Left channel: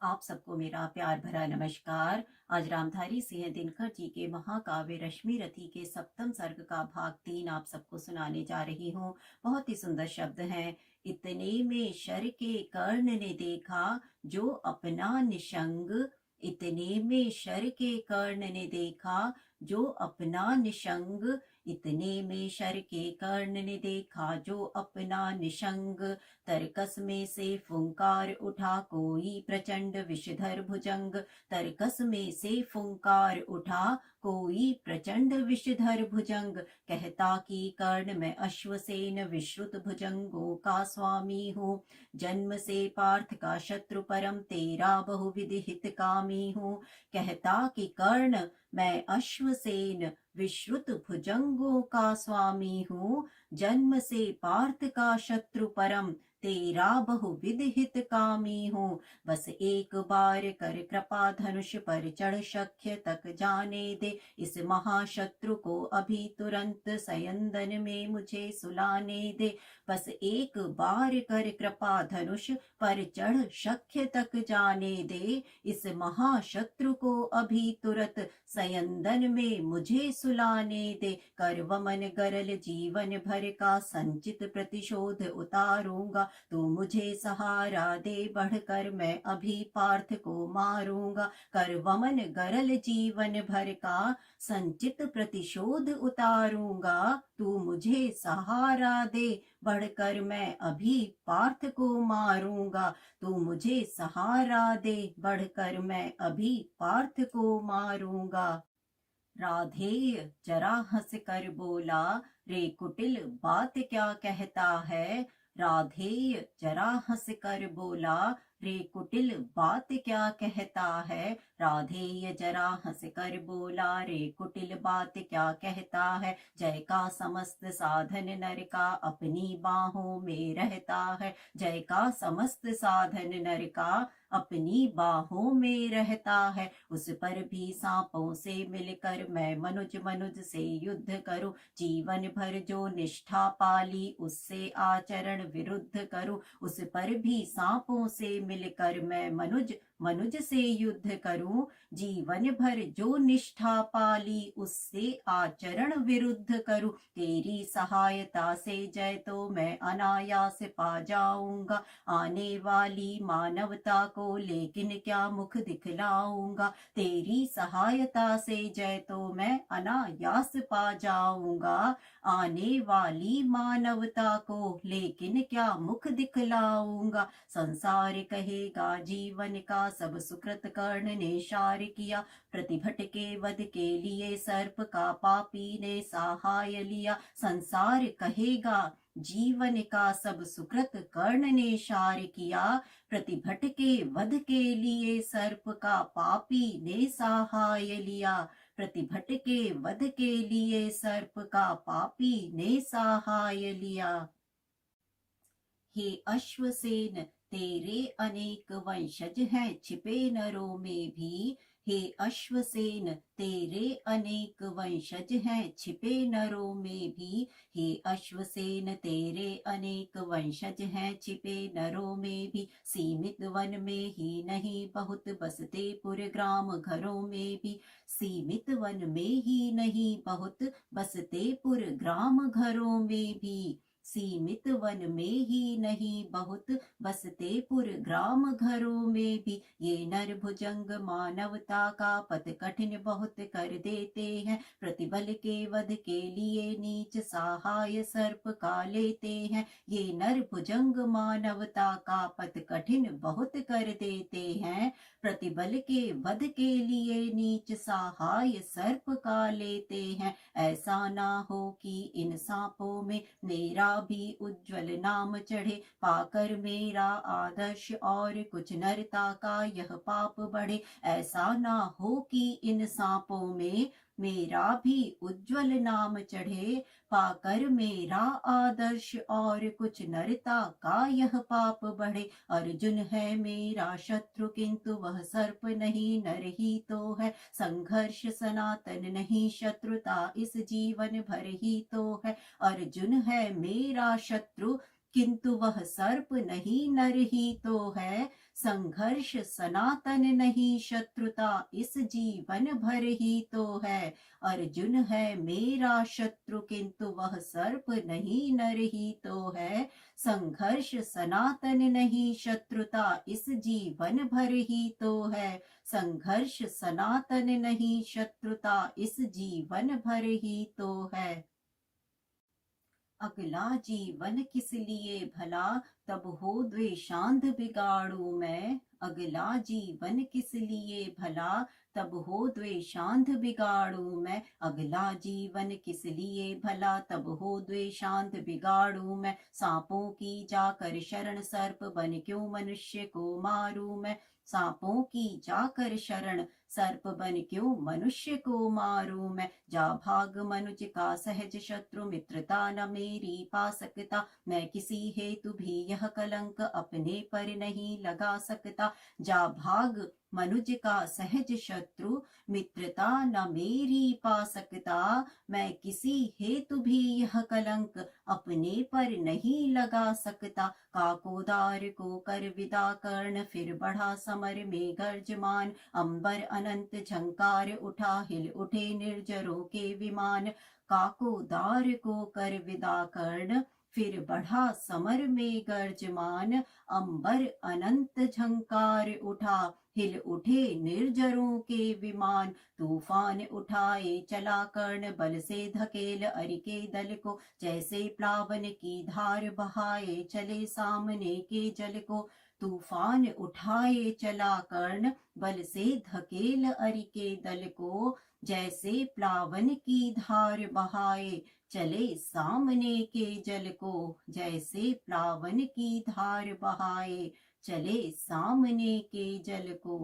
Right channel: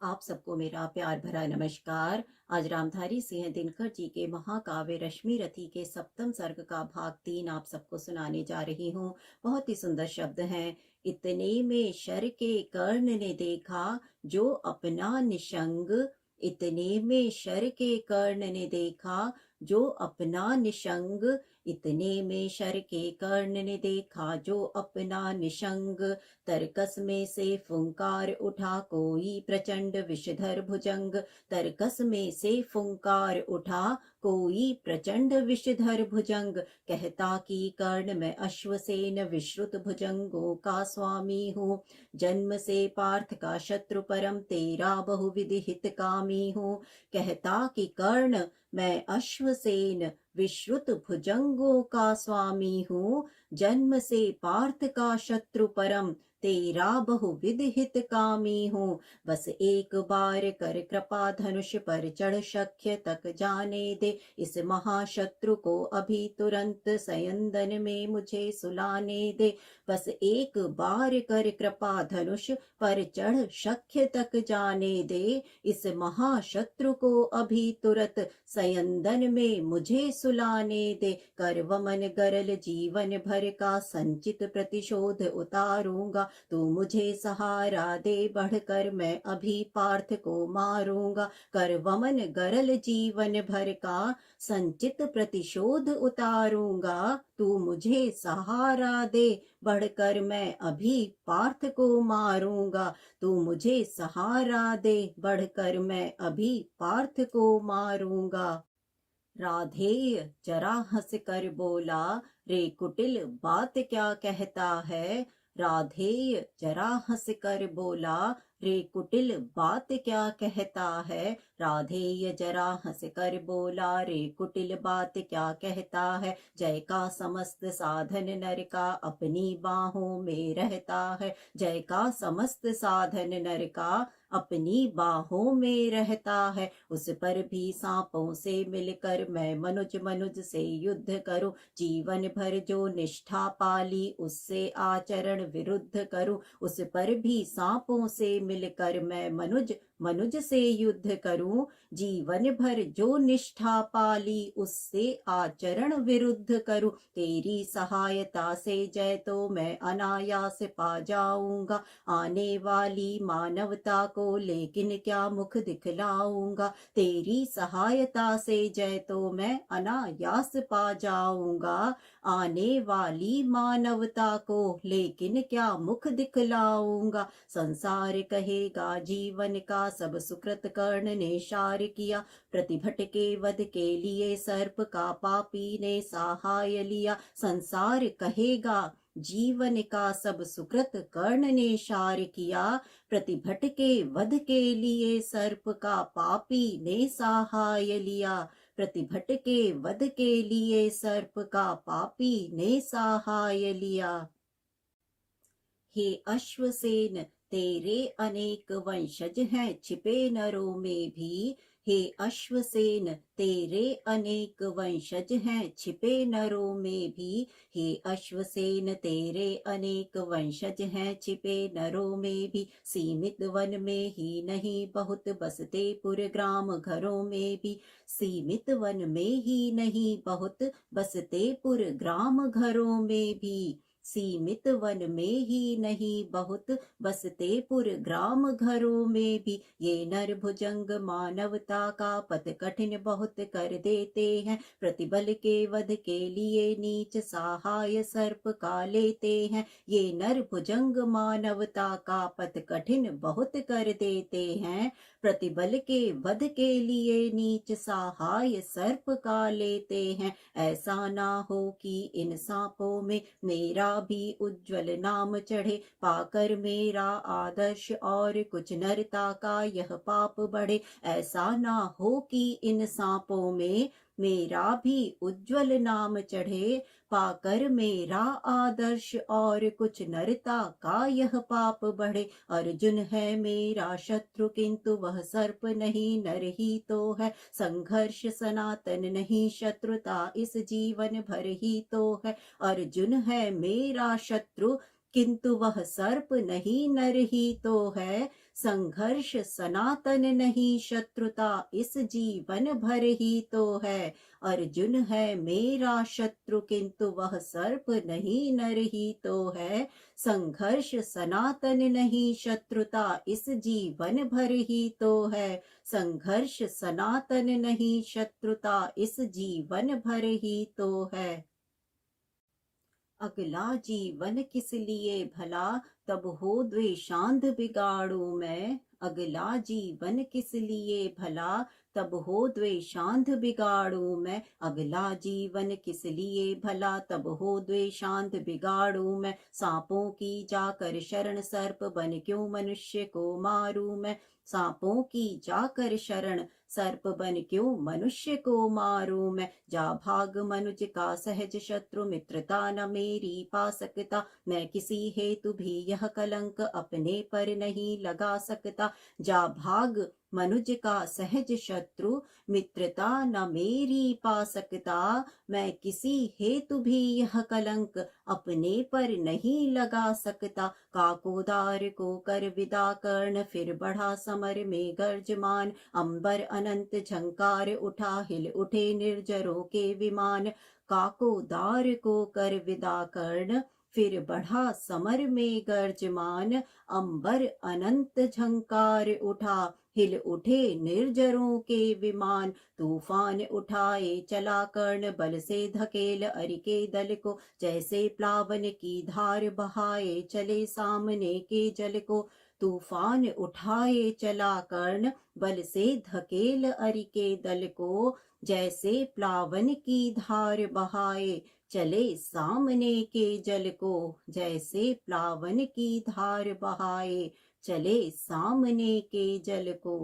आप सबको मेरा प्यार भरा नमस्कार। आज रामधारी सिंह दिनकर जी के महाकाव्य रश्मि रथी के सप्तम सर्ग का भाग 3 आप सबको सुनाने जा रही हूँ। बहुत ही सुंदर शब्द हैं। इतने में शर के कर्ण ने देखा जो अपना निशंग। इतने में शर के कर्ण ने देखा जो अपना निशंग। इतने में शर के कर्ण ने देखा जो अपना निशंग। तरकस में से फुंकार उठा कोई प्रचंड विषधर भुजंग। तरकस में से फुंकार उठा कोई प्रचंड विषधर भुजंग। कहता कि कर्ण मैं अश्वसेन विश्रुत भुजंगों का स्वामी हूँ। जन्म से पार्थ का शत्रु परम तेरा बहुविध हितकामी हूँ। कहता कि कर्ण मैं अश्वसेन विश्रुत भुजंगों का स्वामी हूँ। जन्म से पार्थ का शत्रु परम तेरा बहुविध हितकामी हूँ। बस एक बार कर कृपा धनुष पर चढ़ शक्य तक जाने दे। इस महाशत्रु को अभी तुरंत सयंदन में मुझे सुलाने दे। बस एक बार कर कृपा धनुष पर चढ़ शक्य तक जाने दे। इस महाशत्रु को अभी तुरंत सयंदन में मुझे सुलाने दे। कर वमन गरल जीवन भर का संचित प्रतिशोध उतारूंगा। तू मुझे सहारा दे बढ़कर मैं अभी पार्थ को मारूंगा। कर वमन गरल जीवन भर का संचित प्रतिशोध उतारूंगा। तू मुझे सहारा दे बढ़कर मैं अभी पार्थ को मारूंगा। तू मुझे सहारा दे बढ़कर मैं अभी पार्थ को मारूंगा। राधेय जरा हंस कर बोला, रे कुटिल बात क्या कहता है। राधेय जरा हंस कर बोला, रे कुटिल बात क्या कहता है। राधेय जरा हंस कर बोला, रे कुटिल बात क्या कहता है। जय का समस्त साधन नर का अपनी बाहों में रहता है। जय का समस्त साधन नर का अपनी बाहों में रहता है। उस पर भी सांपों से मिलकर मैं मनुज मनुज से युद्ध करूं। जीवन भर जो निष्ठा पाली उससे आचरण विरुद्ध करूं। उस पर भी सांपों से मिलकर मैं मनुज मनुज से युद्ध करूं। जीवन भर जो निष्ठा पाली उससे आचरण विरुद्ध करूं। तेरी सहायता से जय तो मैं अनायास पा जाऊंगा। आने वाली मानवता को लेकिन क्या मुख दिखलाऊंगा। तेरी सहायता से जय तो मैं अनायास पा जाऊंगा। आने वाली मानवता को लेकिन क्या मुख दिखलाऊंगा। संसार कहेगा जीवन का सब सुकृत कर्ण ने शार किया। प्रतिभट के वध के लिए सर्प का पापी ने सहाय लिया। संसार कहेगा जीवन का सब सुकृत कर्ण ने शार किया। प्रतिभट के वध के लिए सर्प का पापी ने सहाय लिया। प्रतिभट के वध के लिए सर्प का पापी ने सहाय लिया। हे अश्वसेन तेरे अनेक वंशज हैं छिपे नरों में भी। हे अश्वसेन तेरे अनेक वंशज हैं छिपे नरों में भी। हे अश्वसेन तेरे अनेक वंशज हैं छिपे नरों में भी। सीमित वन में ही नहीं बहुत बसते पुर ग्राम घरों में भी। सीमित वन में ही नहीं बहुत बसते पुर ग्राम घरों में भी। सीमित वन में ही नहीं बहुत बसते पुर ग्राम घरों में भी। ये नर भुजंग मानवता का पथ कठिन बहुत कर देते हैं। प्रतिबल के वध के लिए नीच सहाय सर्प का लेते हैं। ये नर भुजंग मानवता का पथ कठिन बहुत कर देते हैं। प्रतिबल के वध के लिए नीच सहाय सर्प का लेते हैं। ऐसा ना हो कि इन सांपों में मेरा भी उज्जवल नाम चढ़े। पाकर मेरा आदर्श और कुछ नरता का यह पाप बढ़े। ऐसा ना हो कि इन सांपों में मेरा भी उज्जवल नाम चढ़े। पाकर मेरा आदर्श और कुछ नरता का यह पाप बढ़े। अर्जुन है मेरा शत्रु किंतु वह सर्प नहीं नर ही तो है। संघर्ष सनातन नहीं शत्रुता इस जीवन भर ही तो है। अर्जुन है मेरा शत्रु किंतु वह सर्प नहीं नर ही तो है। संघर्ष सनातन नहीं शत्रुता इस जीवन भर ही तो है। अर्जुन है मेरा शत्रु किंतु वह सर्प नहीं नर ही तो है। संघर्ष सनातन नहीं शत्रुता इस जीवन भर ही तो है। संघर्ष सनातन नहीं शत्रुता इस जीवन भर ही तो है। अगला जीवन किस लिए भला तब हो द्वेषांध बिगाड़ू मैं। अगला जीवन किस लिए भला तब हो द्वेषांध बिगाड़ू मैं। अगला जीवन किस लिए भला तब हो द्वेषांध बिगाड़ू मैं। सांपों की जाकर शरण सर्प बन क्यों मनुष्य को मारू मैं। सांपों की जाकर शरण सर्प बन क्यों मनुष्य को मारूं मैं। जा भाग मनुज का सहज शत्रु मित्रता न मेरी पा सकता। मैं किसी हेतु भी यह कलंक अपने पर नहीं लगा सकता। जा भाग मनुज का सहज शत्रु मित्रता न मेरी पा सकता। मैं किसी हेतु भी यह कलंक अपने पर नहीं लगा सकता। काकोदार को कर विदा कर्ण फिर बढ़ा समर में गर्जमान। अंबर अनंत झंकार उठा हिल उठे निर्जरों के विमान। काकोदार को कर विदा कर्ण फिर बढ़ा समर में गर्जमान। अंबर अनंत झंकार उठा हिल उठे निर्जरों के विमान। तूफान उठाए चला कर्ण बल से धकेल अरि के दल को। जैसे प्लावन की धार बहाए चले सामने के जल को। तूफान उठाए चला कर्ण बल से धकेल अरि के दल को। जैसे प्लावन की धार बहाए चले सामने के जल को। जैसे प्लावन की धार बहाए चले सामने के जल को।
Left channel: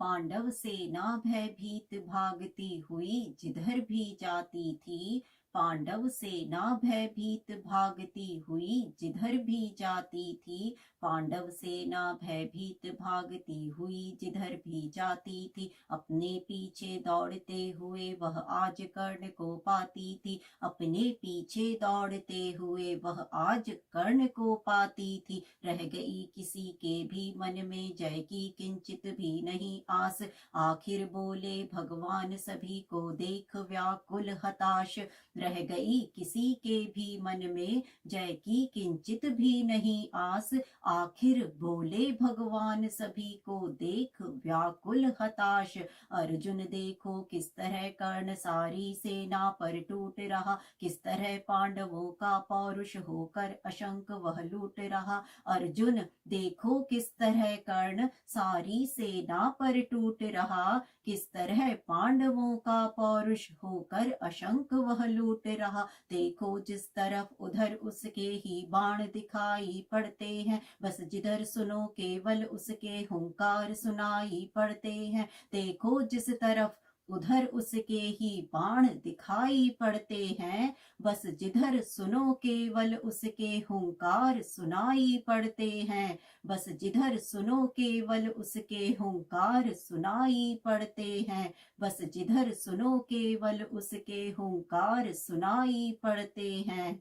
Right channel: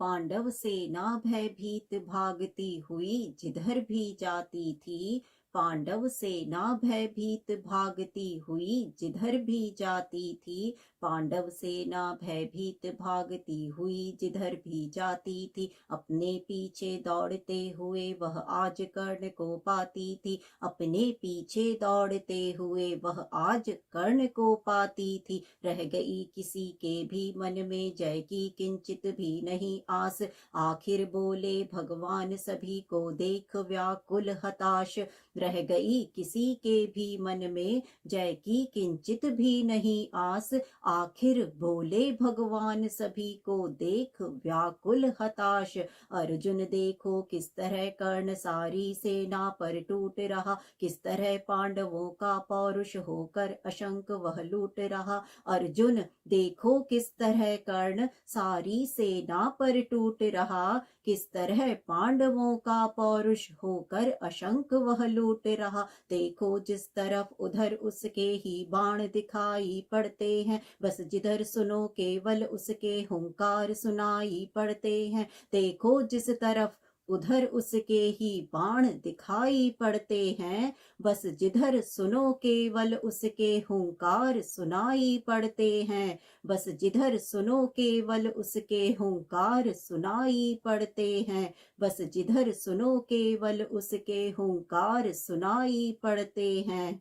पांडव सेना भयभीत भागती हुई जिधर भी जाती थी। पांडव सेना भयभीत भागती हुई जिधर भी जाती थी। पांडव सेना भयभीत भागती हुई जिधर भी जाती थी। अपने पीछे दौड़ते हुए वह आज कर्ण को पाती थी। अपने पीछे दौड़ते हुए वह आज कर्ण को पाती थी। रह गई किसी के भी मन में जय की किंचित भी नहीं आस। आखिर बोले भगवान सभी को देख व्याकुल हताश। रह गई किसी के भी मन में जय की किंचित भी नहीं आस। आखिर बोले भगवान सभी को देख व्याकुल हताश। अर्जुन देखो किस तरह कर्ण सारी सेना पर टूट रहा। किस तरह पांडवों का पौरुष होकर अशंक वह लूट रहा। अर्जुन देखो किस तरह कर्ण सारी सेना पर टूट रहा। किस तरह पांडवों का पौरुष होकर अशंक वह लूट रहा। देखो जिस तरफ उधर उसके ही बाण दिखाई पड़ते हैं। बस जिधर सुनो केवल उसके हुंकार सुनाई पड़ते हैं। देखो जिस तरफ उधर उसके ही बाण दिखाई पड़ते हैं। बस जिधर सुनो केवल उसके हुंकार सुनाई पड़ते हैं। बस जिधर सुनो केवल उसके हुंकार सुनाई पड़ते हैं। बस जिधर सुनो केवल उसके हुंकार सुनाई पड़ते हैं।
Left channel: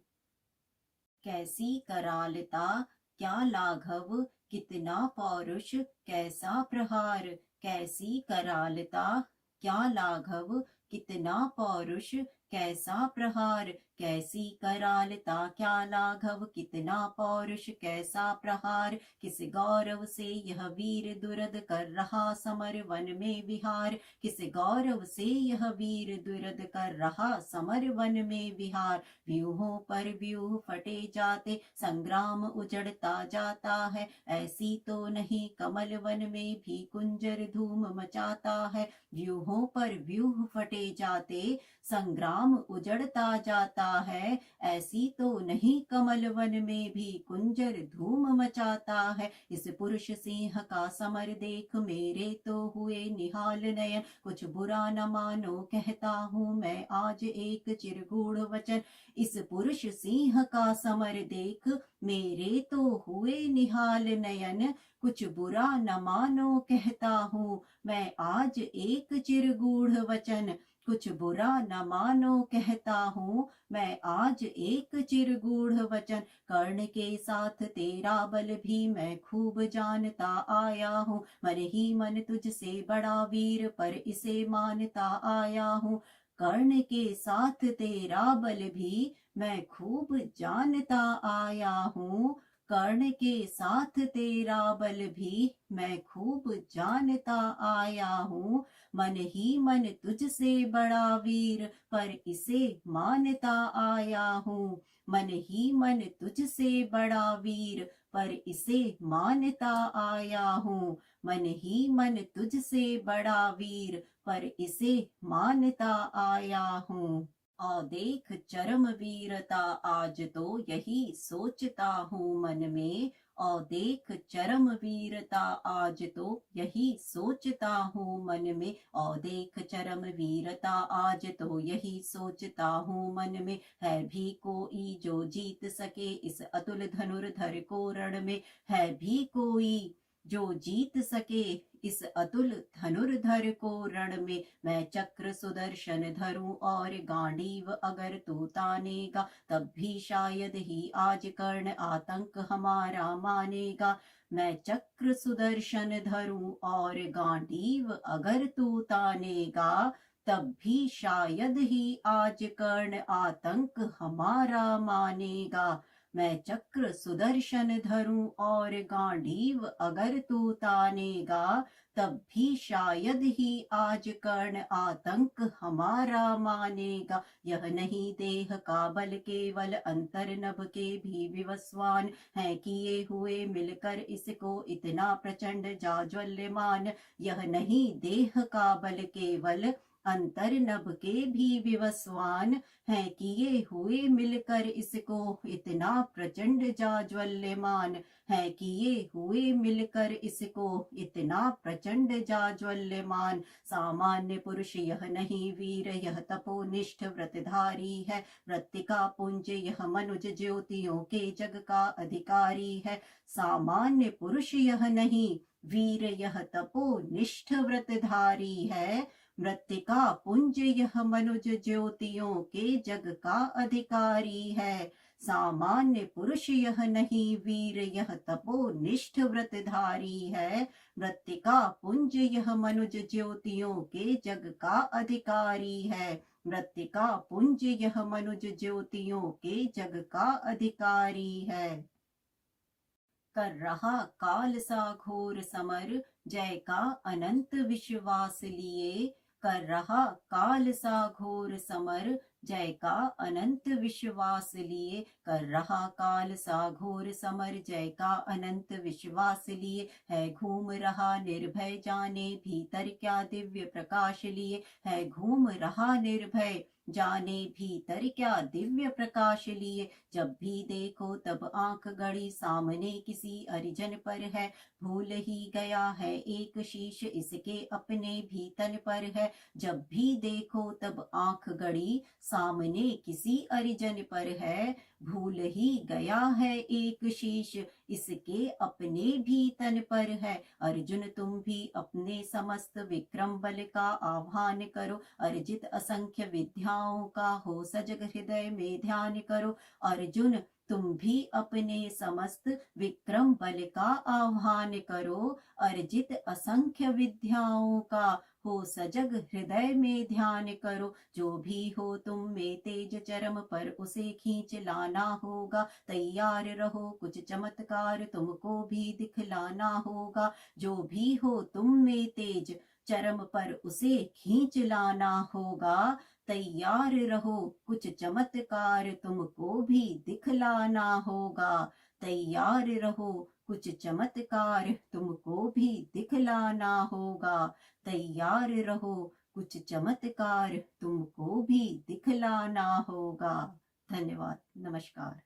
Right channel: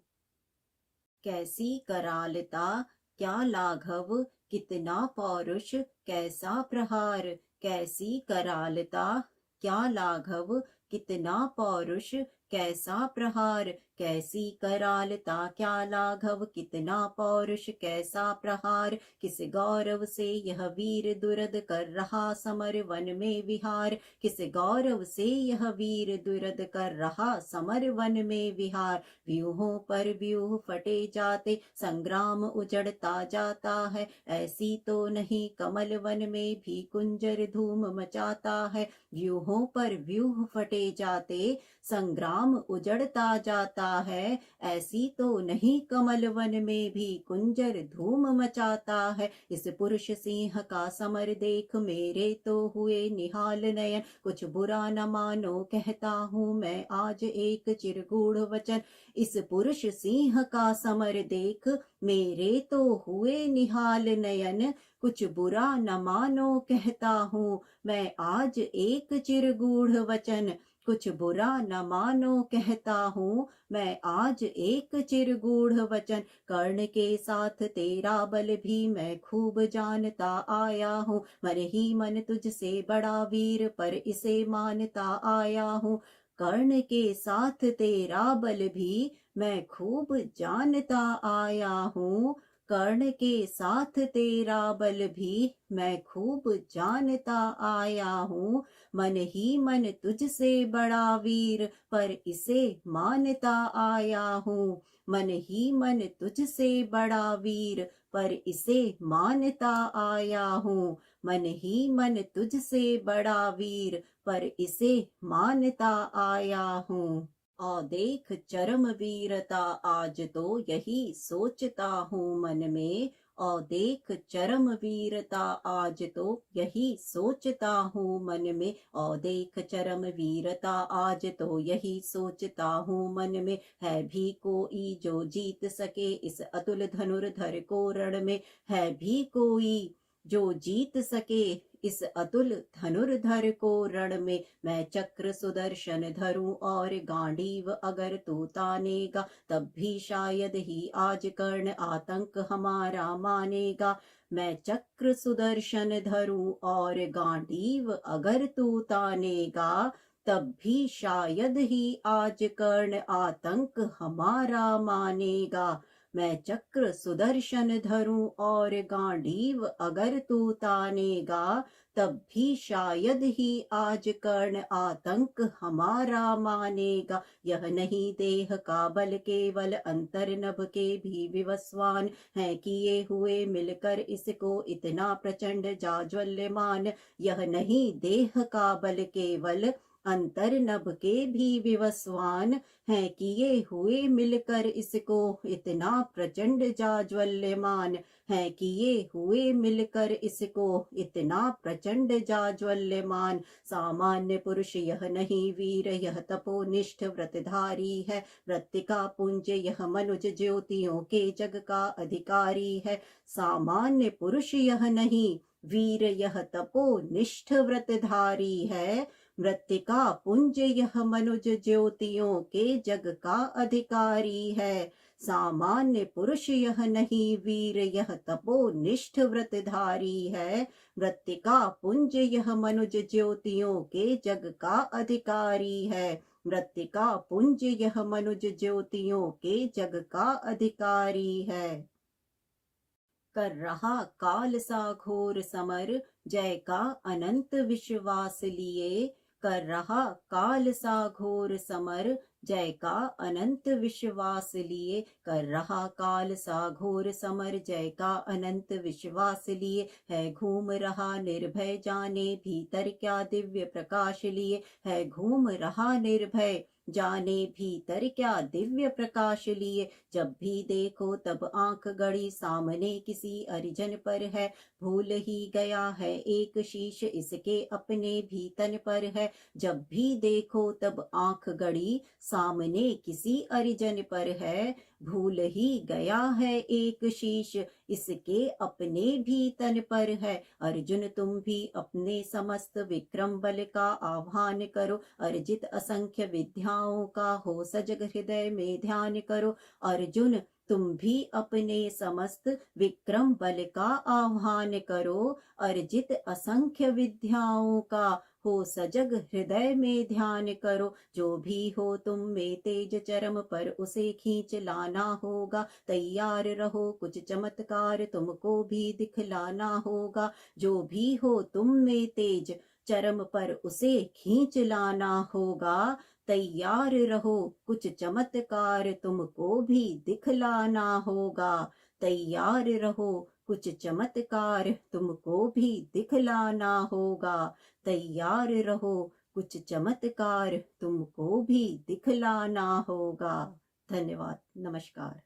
कैसी करालता क्या लाघव कितना पौरुष कैसा प्रहार। कैसी करालता क्या लाघव कितना पौरुष कैसा प्रहार। कैसी करालता क्या लाघव कितना पौरुष कैसा प्रहार। किस गौरव से यह वीर दुरद कर रहा समर वन में विहार। किस गौरव से यह वीर दुरद कर रहा समर वन में विहार। व्यूहों पर व्यूह फटे जाते संग्राम उजड़ता जाता है। ऐसी तो नहीं कमल वन में भी कुंजर धूम मचाता है। व्यूहों पर व्यूह फटे जाते संग्राम उजड़ता जाता है। ऐसी तो नहीं कमल वन में भी कुंजर धूम मचाता है। इस पुरुष सिंह का समर देख मेरे तो हुए निहाल नयन। कुछ बुरा न मानो कहता हूँ मैं आज एक चिरगूढ़ वचन। इस पुरुष सिंह का समर देख मेरे तो हुए निहाल नयन। कुछ बुरा न मानो कहता हूँ मैं आज एक चिरगूढ़ वचन। कुछ बुरा न मानो कहता हूँ मैं आज एक चिरगूढ़ वचन, कर्ण के साथ तेरा बल भी मैं खूब जानता आया हूँ। मन ही मन तुझसे बड़ा वीर पर इसे मानता आया हूँ। कर्ण के साथ तेरा बल भी मैं खूब जानता आया हूँ। कर्ण के साथ तेरा बल भी मैं खूब जानता आया हूँ। मन ही मन तुझसे बड़ा वीर पर इसे मानता आया हूँ। मन ही मन तुझसे बड़ा वीर पर इसे मानता आया हूँ। मन ही मन तुझसे बड़ा वीर पर इसे मानता आया हूँ। और देख चरम वीरता आज तो यही सोचता हूँ मन में। और देख चरम वीरता आज तो यही सोचता हूँ मन में। और देख चरम वीरता आज तो यही सोचता हूँ मन में। है भी कोई जो जीत सके इस अतुल धनुर्धर को रण में। है भी कोई जो जीत सके इस अतुल धनुर्धर को रण में। मैं चक्र सुदर्शन धरूं और गांडीव अगर तू तानेगा, तब भी शायद ही आज कर्ण आतंक हमारा मानेगा। मैं चक्र सुदर्शन धरूं और गांडीव अगर तू तानेगा, तब भी शायद ही आज कर्ण आतंक हमारा मानेगा। मैं चक्र सुदर्शन धरूं और गांडीव अगर तू तानेगा, तब भी शायद ही आज कर्ण आतंक हमारा मानेगा। यह नहीं देह का बल केवल अंतर नभ के भी विवस्वान है किए हुए मिलकर इसको इतना प्रचंड जाज्वल्यमान। यह नहीं देह का बल केवल अंतर नभ के भी विवस्वान है किए हुए मिलकर इसको इतना प्रचंड जाज्वल्यमान है किए हुए मिलकर इसको इतना प्रचंड जाज्वल्यमान। सामान्य पुरुष यह नहीं वीर यह तपोनिष्ठ व्रतधारी है। वृत्तिका पुंज यह मनुज ज्योतियों के जग का अधिकारी है। सामान्य पुरुष यह नहीं वीर यह तपोनिष्ठ व्रतधारी है। मृत्तिका पुंज यह मनुज ज्योतियों के जग का अधिकारी है। सामान्य पुरुष यह नहीं वीर यह तपोनिष्ठ व्रतधारी है। मृत्तिका पुंज यह मनुज ज्योतियों के जग का अधिकारी है। मृत्तिका पुंज यह मनुज ज्योतियों के जग का अधिकारी है। कर रहा काल सा घोर समर जय का अनंत विश्वास लिए। कर रहा काल सा घोर समर जय का अनंत विश्वास लिए। कर रहा काल सा घोर समर जय का अनंत विश्वास लिए। है घूम रहा निर्भय जाने भीतर क्या दिव्य प्रकाश लिए। है घूम रहा निर्भय जाने भीतर क्या दिव्य प्रकाश लिए। जब भी देखो तब आंख गड़ी सामने किसी अरिजन पर है। भूल ही गया है एक शीश इसके अपने भी तन पर है। जब भी देखो तब आंख गड़ी सामने किसी अरिजन पर है। भूल ही गया है एक शीश इसके अपने भी तन पर है। अर्जुन तुम भी अपने समस्त विक्रम बल का आह्वान करो। अर्जित असंख्य विद्याओं का हो सजग हृदय में ध्यान करो। अर्जुन तुम भी अपने समस्त विक्रम बल का आह्वान करो। अर्जित असंख्य विद्याओं का हो सजग हृदय में ध्यान करो। जो भी हो तुम में तेज चरम पर उसे खींच लाना होगा। तैयार रहो कुछ चमत्कार तुमको भी दिखलाना होगा। जो भी हो तुम में तेज चरम पर उसे खींच लाना होगा। तैयार रहो कुछ चमत्कार तुमको भी दिखलाना होगा। तैयार रहो कुछ चमत्कार तुमको भी दिखलाना होगा। तैयार रहो कुछ चमत्कार तुमको भी दिखलाना होगा। धन्यवाद। नमस्कार।